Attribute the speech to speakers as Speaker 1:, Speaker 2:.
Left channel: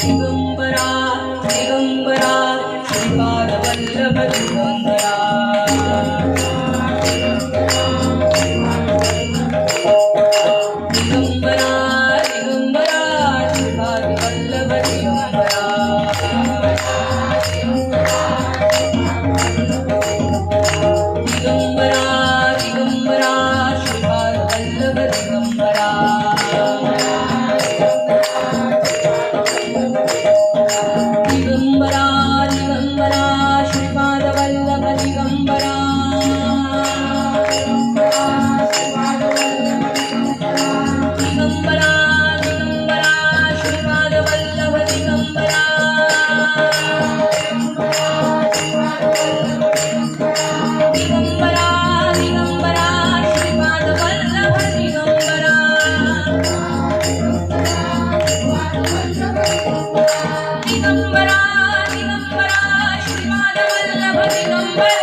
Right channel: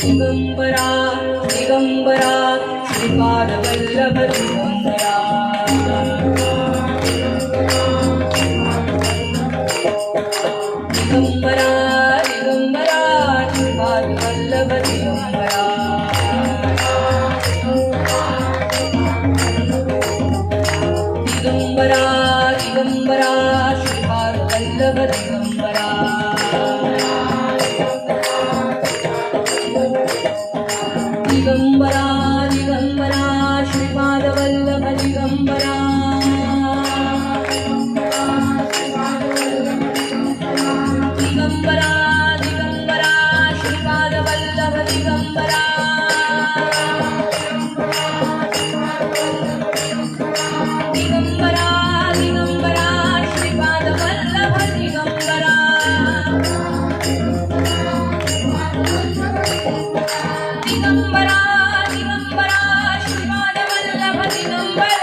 Speaker 1: Digambara, Digambara, Sripada Vallabha Digambara. Digambara, ಜ್ಞಾನವಲ್ಲಭ Digambara